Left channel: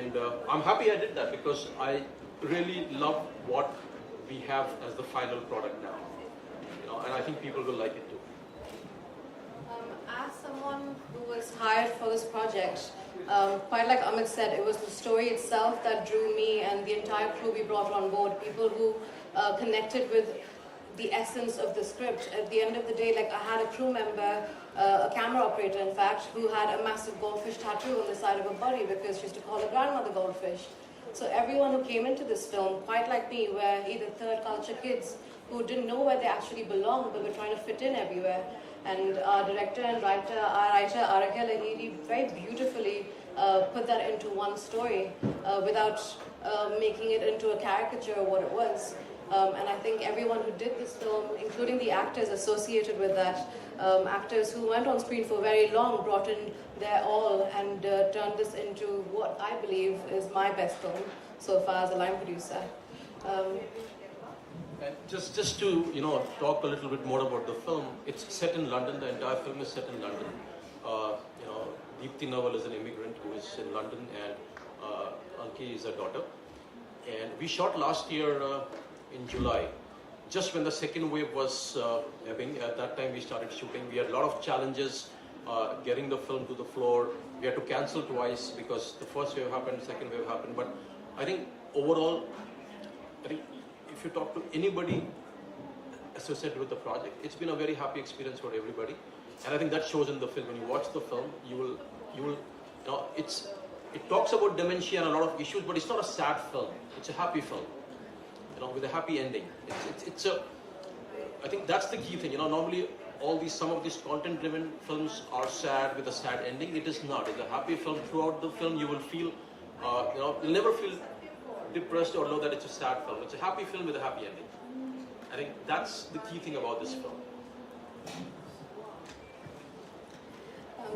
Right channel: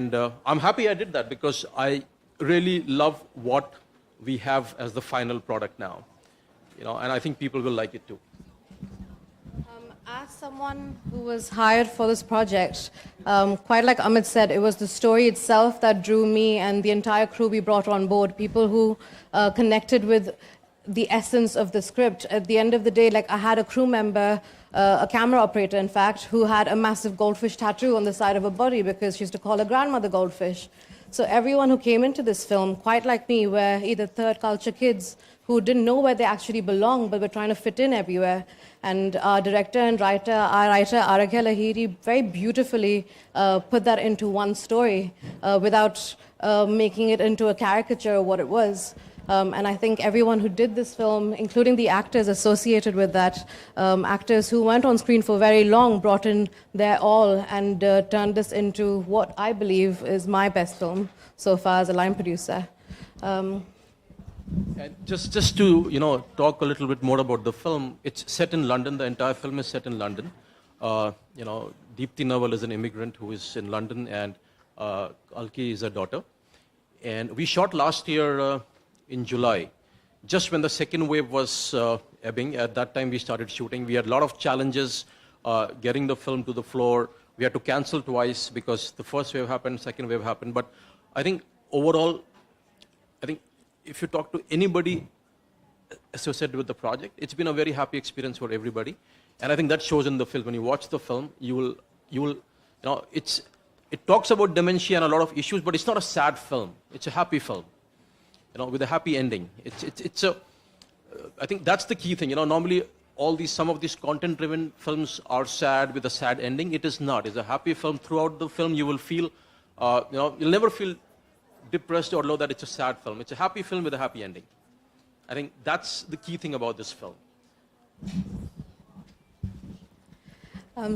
And I'm happy I did that because I really love what we have as the final product now. And I think people will like it too. As someone who was hired for this project, quite like Amit said, it was the story itself that drew me and the entire crew we brought on board, people who connected with the essence of the script. At the end of the day, like I had a crew member, a camera operator in fact, who had a massive goldfish tattoo on the side of her body because she used to call her grandmother Goldfish. So everyone who came into this film, quite like me, were either third culture kids who didn't know where they actually belonged but were trying to fit in everywhere. And our director and writer, Araghya Lahiri, very beautifully put that into one story without making it into a caricature of what it was. And I think everyone who did this film, including the actors associated with that, actors who weren't on screen for very long, brought in their all and turned this into what I believe is my best film so far as a line producer. And just to talk a little bit more about the film, it's set in London. The entire film is set in London. Deepti Nawal is an immigrant who is in London, and Alki is her daughter. And we shot last year in July, just when the second wave was ebbing. At that time, we started shooting. We had a lot of challenges getting the film to the floor. We had to cancel twice because the first wave happened, second wave happened. But I think overall, if you talk to anybody associated with the project, it's been a very happy experience for everybody. And I think that shows in the film. When you watch the film, you will, it talks about dementia and a lot of issues, but it's not a sad film. It's a happy film, with a happy ending. I think that's the key thing. Normally some of these content-driven films are sad with a sad ending. It is not. It's a happy film. Throughout the film, you will feel, you'll never feel depressed or low that it's a sad film. It's a happy film with a happy ending. I think that's the key thing about this film.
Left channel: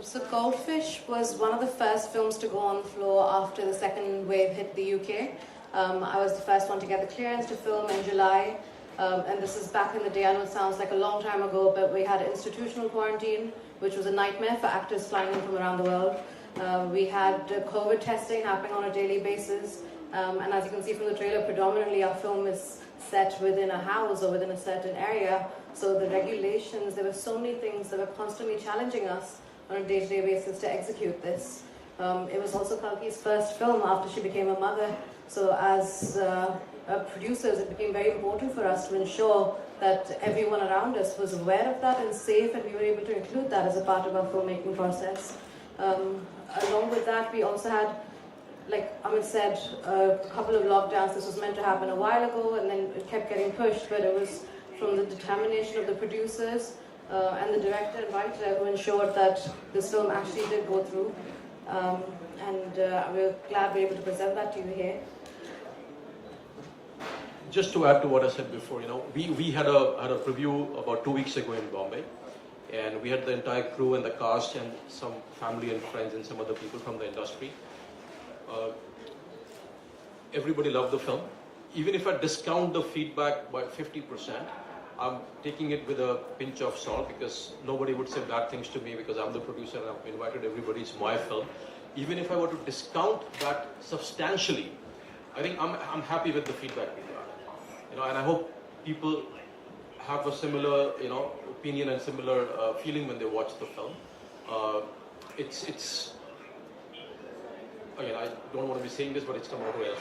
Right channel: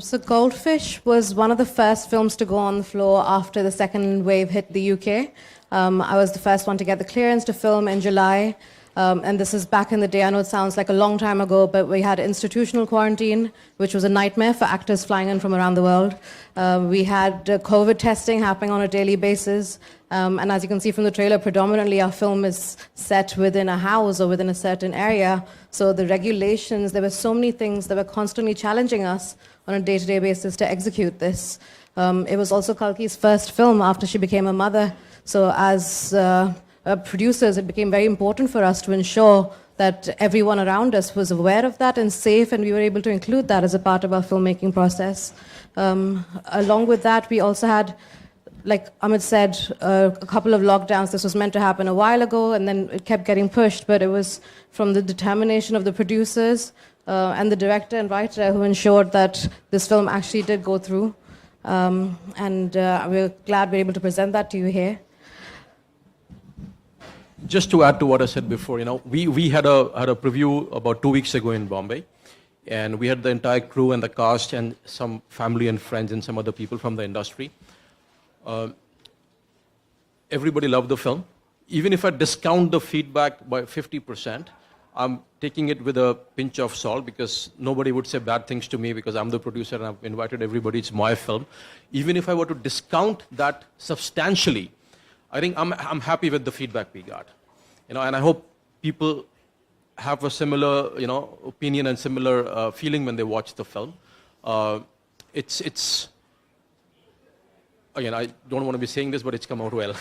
So Goldfish was one of the first films to go on the floor after the second wave hit the UK. I was the first one to get the clearance to film in July. And this is back in the day. I know it sounds like a long time ago, but we had institutional quarantine, which was a nightmare for actors flying in from around the world. We had COVID testing happening on a daily basis. And as you can see from the trailer, predominantly our film is set within a house or within a certain area. So the regulations, there were so many things that were constantly challenging us on a day-to-day basis to execute this. It was also Kalki's first film after she became a mother. So as producers, it became very important for us to ensure that everyone around us was aware of that and safe, and we were able to include that as a part of our filmmaking process. Along with that, we also had, like Amit said, a couple of lockdowns. This was meant to happen a while ago, and then it kept getting pushed, but it was from the determination of the producers and the director and writer who ensured that this film actually did go through. And we're glad we're able to present that to you here. Just to add to what I said before, we had a preview about 2 weeks ago in Bombay, and we had the entire crew and the cast and some family and friends and some other people from the industry. Everybody loved the film. Even if I discount the feedback by 50%, I'm taking it with a pinch of salt because nobody would say bad things to me because I'm the producer and I've invited everybody. It's my film. Even if I were to discount that substantially, I think I'm happy with the feedback we got. And I hope people have a similar, opinion and similar feeling when they watch the film. It's again, I don't want to be saying this, but it's come out well.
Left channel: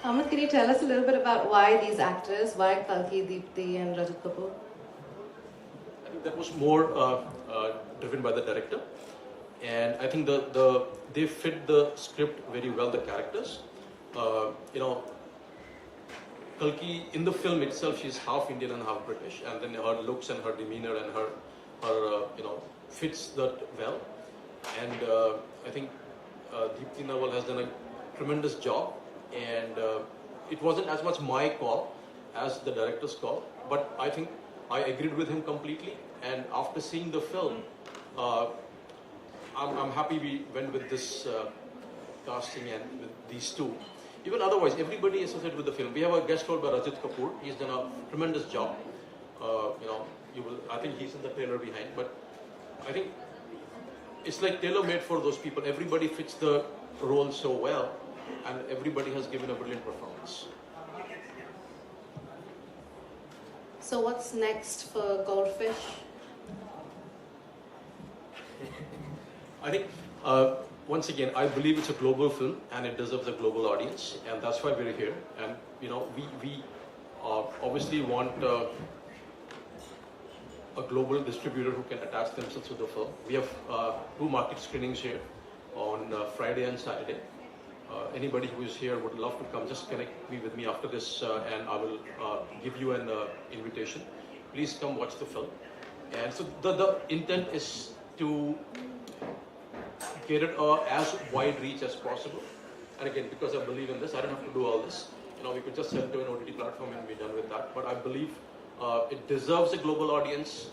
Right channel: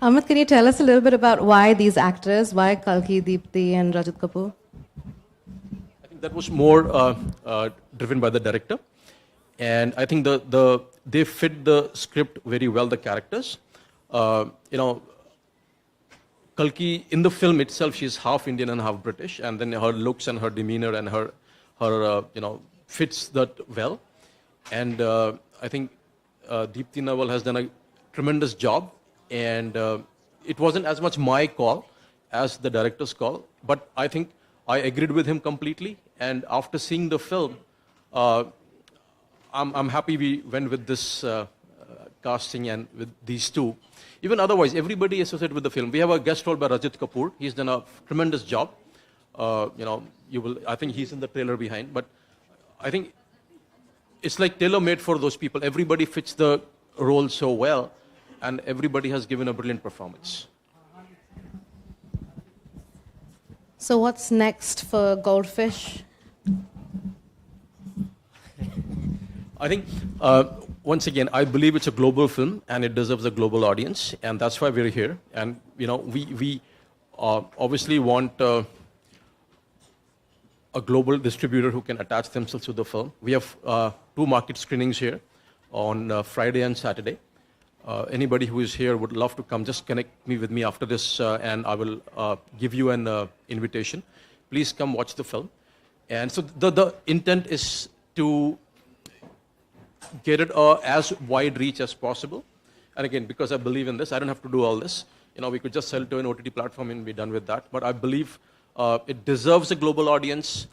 Amit, can you tell us a little bit about why these actors, why Kalki, Deepti and Rajat Kapoor? That was more driven by the director. And I think they fit the script very well, the characters. Kalki, in the film itself, she's half Indian and half British, and then her looks and her demeanor and her fits that well. And I think Deepti Nawal has done a tremendous job, and it wasn't as much my call as the director's call, but I think I agreed with him completely. And after seeing the film, I'm happy we went with this casting and with these two. Even otherwise, everybody associated with the film. We have a guest role by Rajat Kapoor. He's done a tremendous job. I think he's in the trailer behind. But I think it's like tailor-made for those people. Everybody fits the role so well, and everybody has given a brilliant performance. So what's next for Goldfish? I think, once again, I believe it's a global film and it deserves a global audience, and that's why we're here. And, we obviously want a global distributor who can attach themselves to the film. We have 2 market screenings here on Friday and Saturday. Anybody who is here would love to come. Just connect with me after this, and I will give you an invitation. Please come watch the film. And so the intent is to get it as wide reach as possible. And again, because I believe in this, I don't have to do all this. We could just sell to an OTT platform and be done with that. But I believe it deserves a global audience.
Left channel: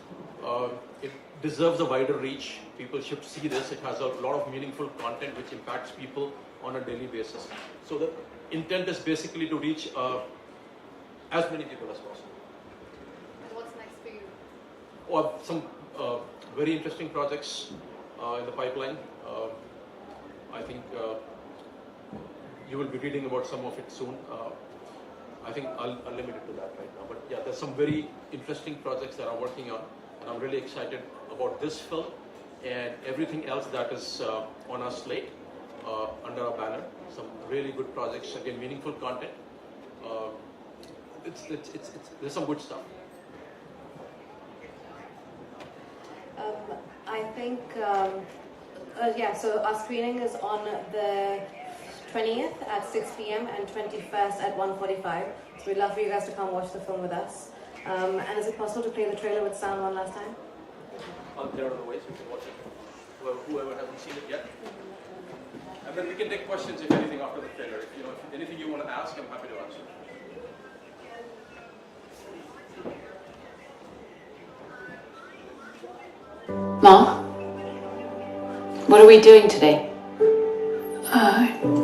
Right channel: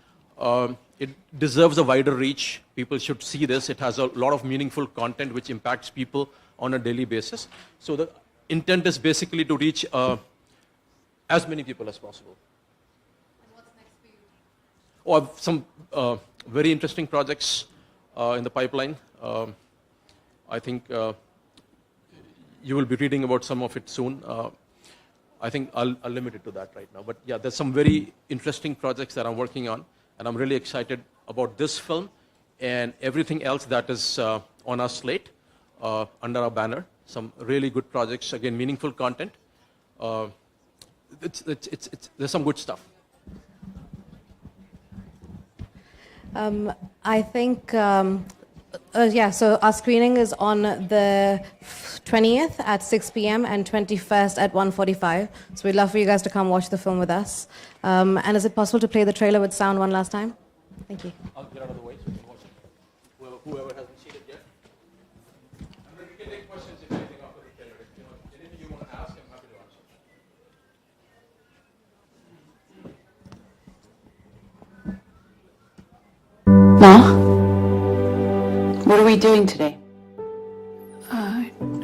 It deserves a wider reach. People should see this. It has a lot of meaningful content which impacts people on a daily basis. So the intent is basically to reach as many people as possible. And what's next for you? Or some very interesting projects in the pipeline. I think you will be reading about some of it soon. I think I'll limit it to that right now. But yeah, there's some very interesting projects that I'm working on, and I'm really excited about this film and everything else that is on our slate under our banner. Some really good projects, again, meaningful content. There's some good stuff. I think, so our screening is on the 20th at 6 p.m. and 21st at 1:45. So we'd love for you guys to come watch the film with us. And is it possible to play the trailer with sound one last time? Thank you. Out there on the way, so you can watch it. Well, whoever hasn't seen it yet. And then we can take questions if anything after the trailer. If anything you want to ask, I'm happy to answer. Ma, what are we doing today?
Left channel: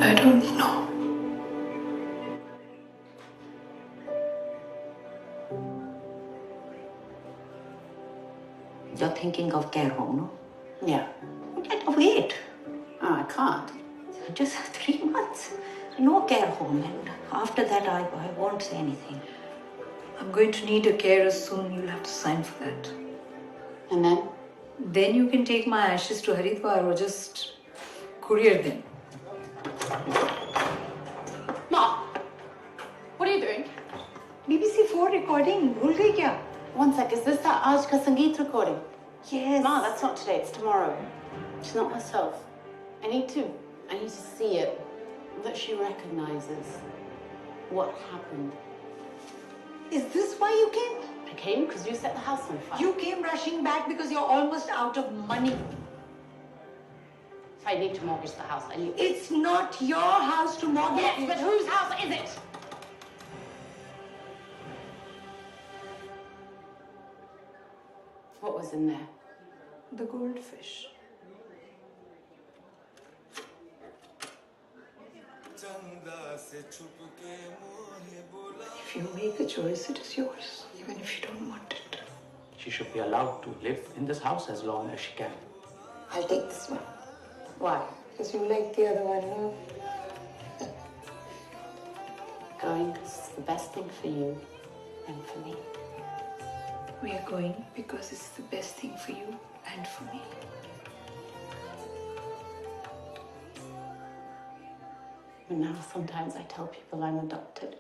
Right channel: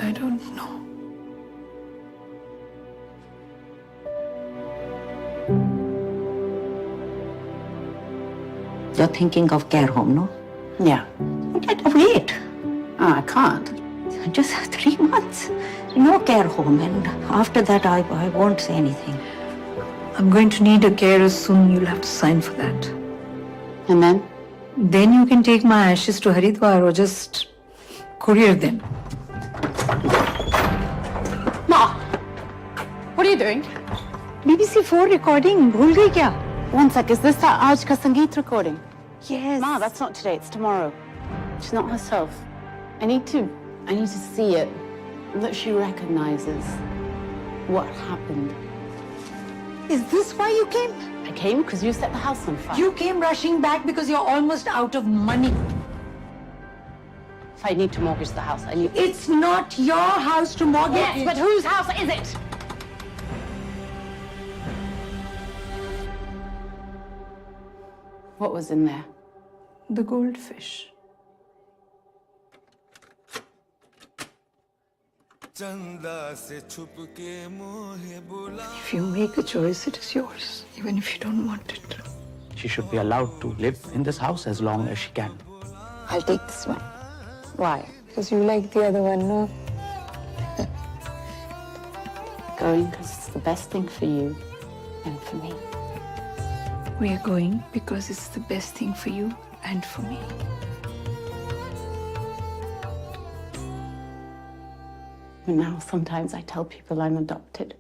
I don't know. You're thinking of care home, no? Yeah. Wait, I can't. just 3 months. No care home, and after that I won't say anything. I'm going to need a carer soon. You'll have to sign for that. And then? Then you can take my ashes to Haridwar or just courier them. Ma, what are you doing? BBC 4 recording, bhul gayi kya? One sec, is this that Aaj Ka Sangeet recording? Yes. Ma, that's not today, it's tomorrow. She's not herself. I need to see it, that she recognizes what happened. Is this why you came? I came because you set the house on fire. You came rushing back because you're almost out of money. If I need to mortgage the house, I need... It's not your house to mortgage. Yes, but whose house is it? What was in there? The goldfish. If you make a choice, it is yours, even if you don't want it. She should be allowed to live in this house as long as she can. I'll take this one. Why? Because you like the other one, no? Going because it's the best thing for you and for me. We are going because it's the best thing for you and for me. And now sometimes I tell people I'm adopted.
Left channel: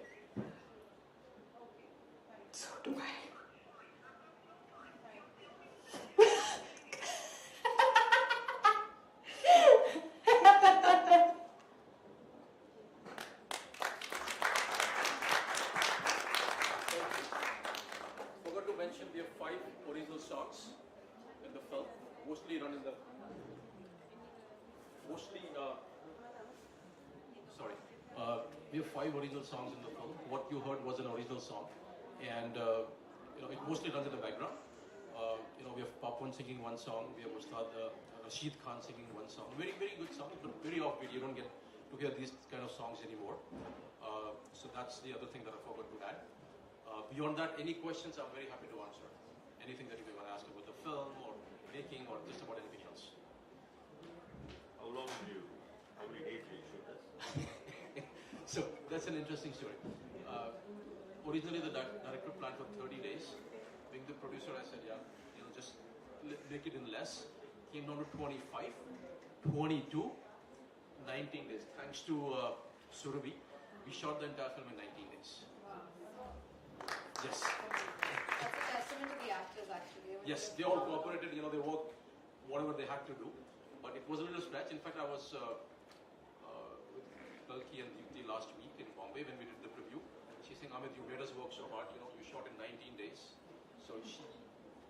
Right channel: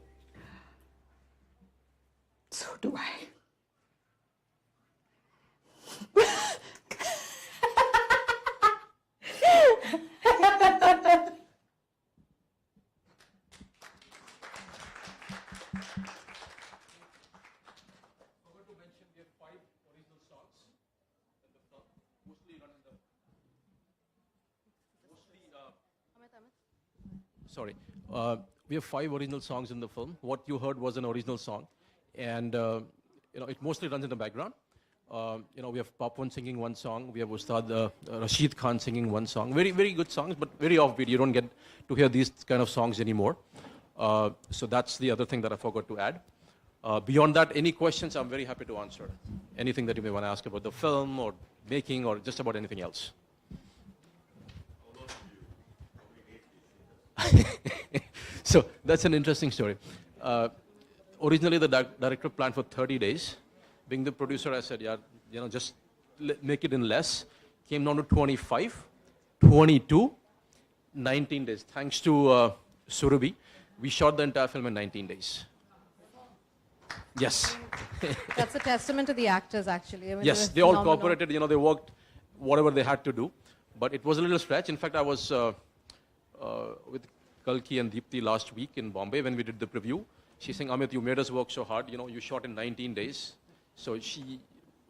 So do I. Forgot to mention we have 5 original songs in the film, mostly run in the we have 5 original songs in the film. What you heard was an original song, and it mostly runs in the background. We have Papan singing one song. We have Ustad Rashid Khan singing one song. Very, very good songs, but very offbeat. You don't get to hear these kind of songs anymore. So that's the other thing that I forgot to add. Beyond that, any questions, I'm very happy to answer. Anything that you may want to ask about the film or making or just about anything else. So that's an interesting story. Originally, the director planned for 30 days. Being the producer, I said, yeah, just make it in less. Came down to 25, 22, 19 days. Thanks to Surabhi, we shot the entire film in 19 days. Yes. That's a testament to the actors, actually. I mean, Yes, they all cooperated. They worked whatever they had to do. But it was a little stretch. In fact, I was with Kalki and Deepti last week in Bombay when we did the preview. She's saying, Amit, you made us work so hard. You shot in 19 days. So she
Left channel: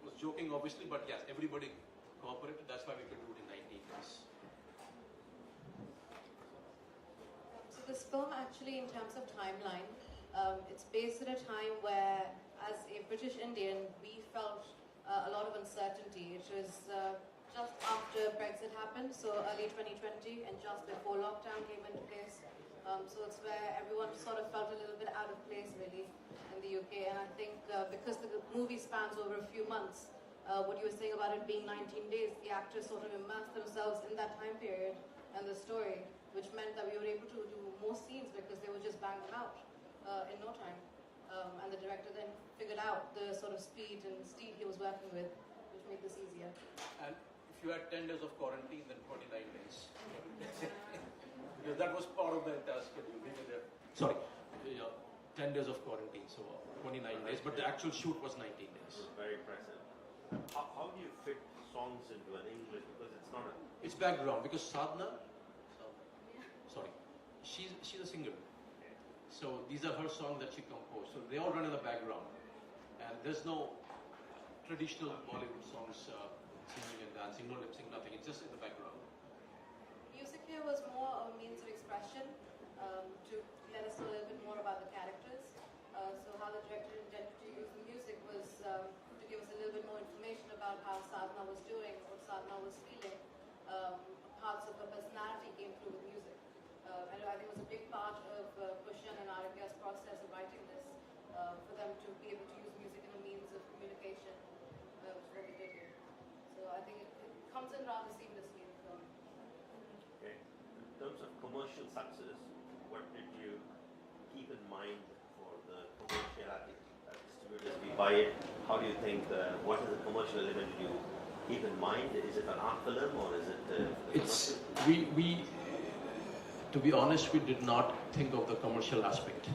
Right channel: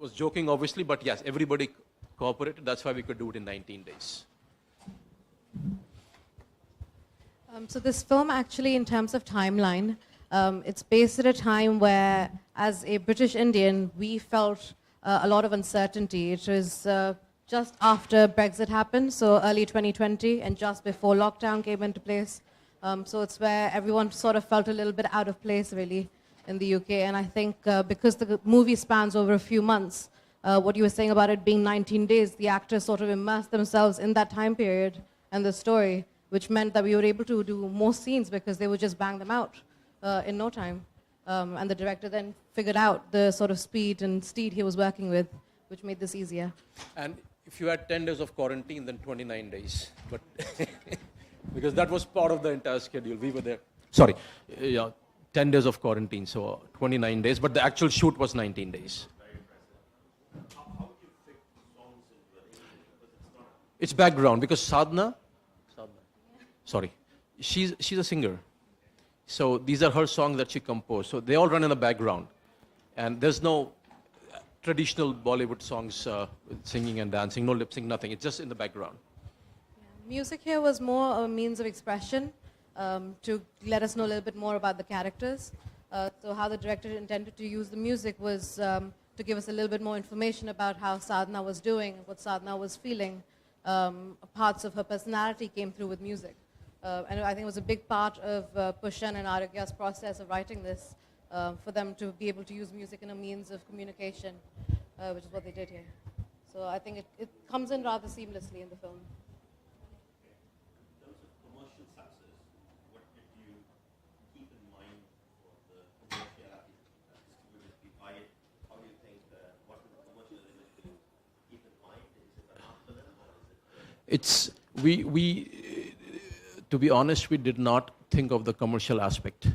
was joking, obviously, but yes, everybody cooperated. That's why we could do it in 19 days. So this film, actually, in terms of timeline, it's based at a time where, as a British Indian, we felt a lot of uncertainty. It was just after Brexit happened, so early 2020, and just before lockdown came into place. So it's where everyone sort of felt a little bit out of place, really, in the UK. And I think because the movie spans over a few months, what you were saying about it being 19 days, the actors sort of immersed themselves in that time period and the story, which meant that we were able to do more scenes because they would just bang them out in no time. And the director then figured out the sort of speed and steed he was working with, which made this easier. And if you had 10 days of quarantine, then 29 days. But because that was part of the entire schedule. We were there. Sorry, 10 days of quarantine, so 29 days. But the actual shoot was 19 days. Very impressive. How do you fit songs into an English? Because it's not a... It's background because Sadhna, sorry, she's a singer. So these are her songs that she composed. So they all run in the background. And there's no traditional Bollywood songs with singing and dancing, no lip sync, nothing. It's just in the background. Music here was more a means of expression to let us know a little bit more about the characters. So how the director intended to use the music was to give us a little bit more information about how Sadhna was doing, what Sadhna was feeling. Parts of her personality came through with music. And I think it was a big part of Pushan and Aragya's process of writing this, for them to be able to use music in a means of communication, which is what they did here. So I think it comes in rather seamlessly in the film. Okay. In terms of commercial success, what did you keep in mind for the commerciality? Distributors, we buy it. How do you think, what is the commercial element did you keep in mind? Is it an art film or is it... It's, we to be honest, we did not think of the commercial aspect.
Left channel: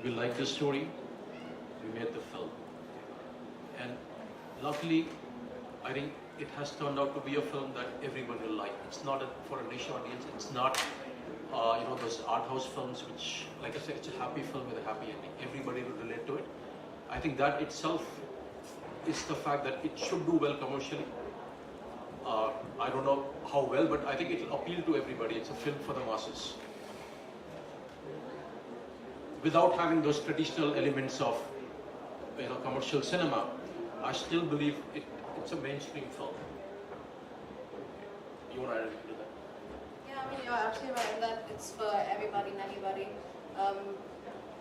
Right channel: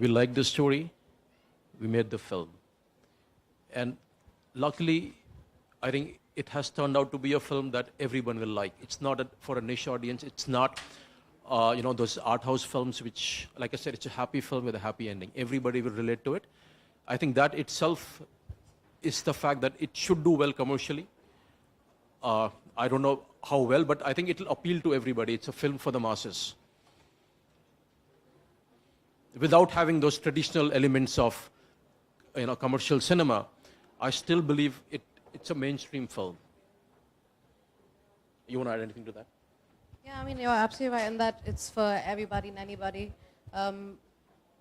We liked the story, we made the film. And luckily, I think it has turned out to be a film that everyone will like. It's not for a niche audience. It's not, those art house films which, like I said, it's a happy film with a happy ending. Everybody will relate to it. I think that itself is the fact that it should do well commercially. I don't know how well, but I think it will appeal to everybody. It's a film for the masses. Without having those traditional elements of, commercial cinema, I still believe it's a mainstream film. You want to add anything to that? Yeah, I mean, you're absolutely right in that it's for everybody and anybody.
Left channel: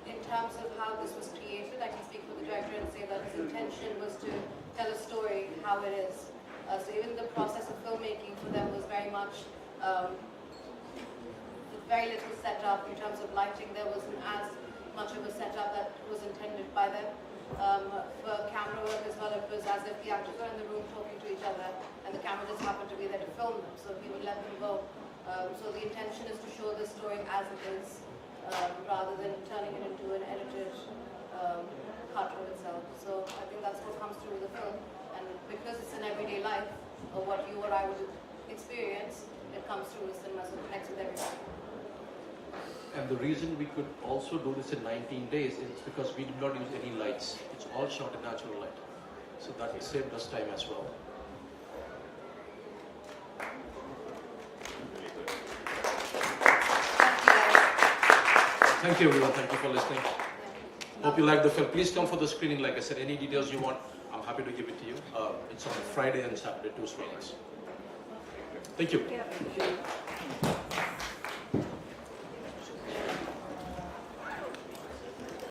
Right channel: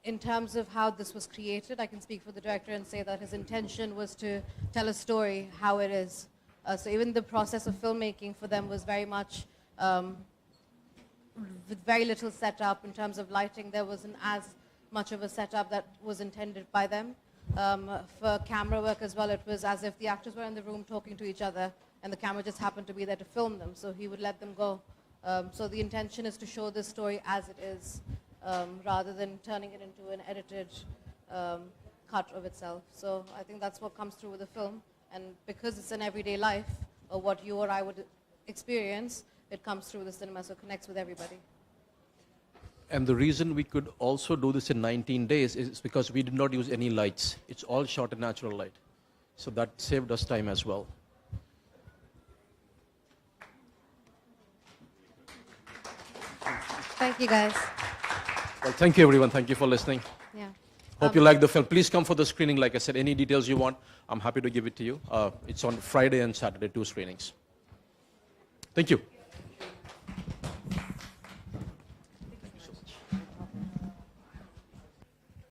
In terms of how this was created, I can speak for the director and say that his intention was to tell a story how it is. So even the process of filmmaking for them was very much with very little setup in terms of lighting. There wasn't as much of a setup that was intended by them. For camera work as well, it was as if the actors were in the room talking to each other and the camera just happened to be there to film them, so he would let them go. So the intention is to show the story as it is, rather than turning it into an edited cut of itself. So I think that's what comes through with the film, and because it's an everyday life, or what you or I would experience, it comes through the cinema, so it connects with everybody. And the reason we could also do this in 19 days is because we did not use any lights. It's all shot in natural light. So that saved us time as well. Thank you, guys. Well, thank you, everyone. Thank you for listening. Yeah. Hope you like the film. Please come for the screening. Like I said, any details you want, I'm happy to give it to you. It's on Friday and Saturday, 2 screenings. Thank you.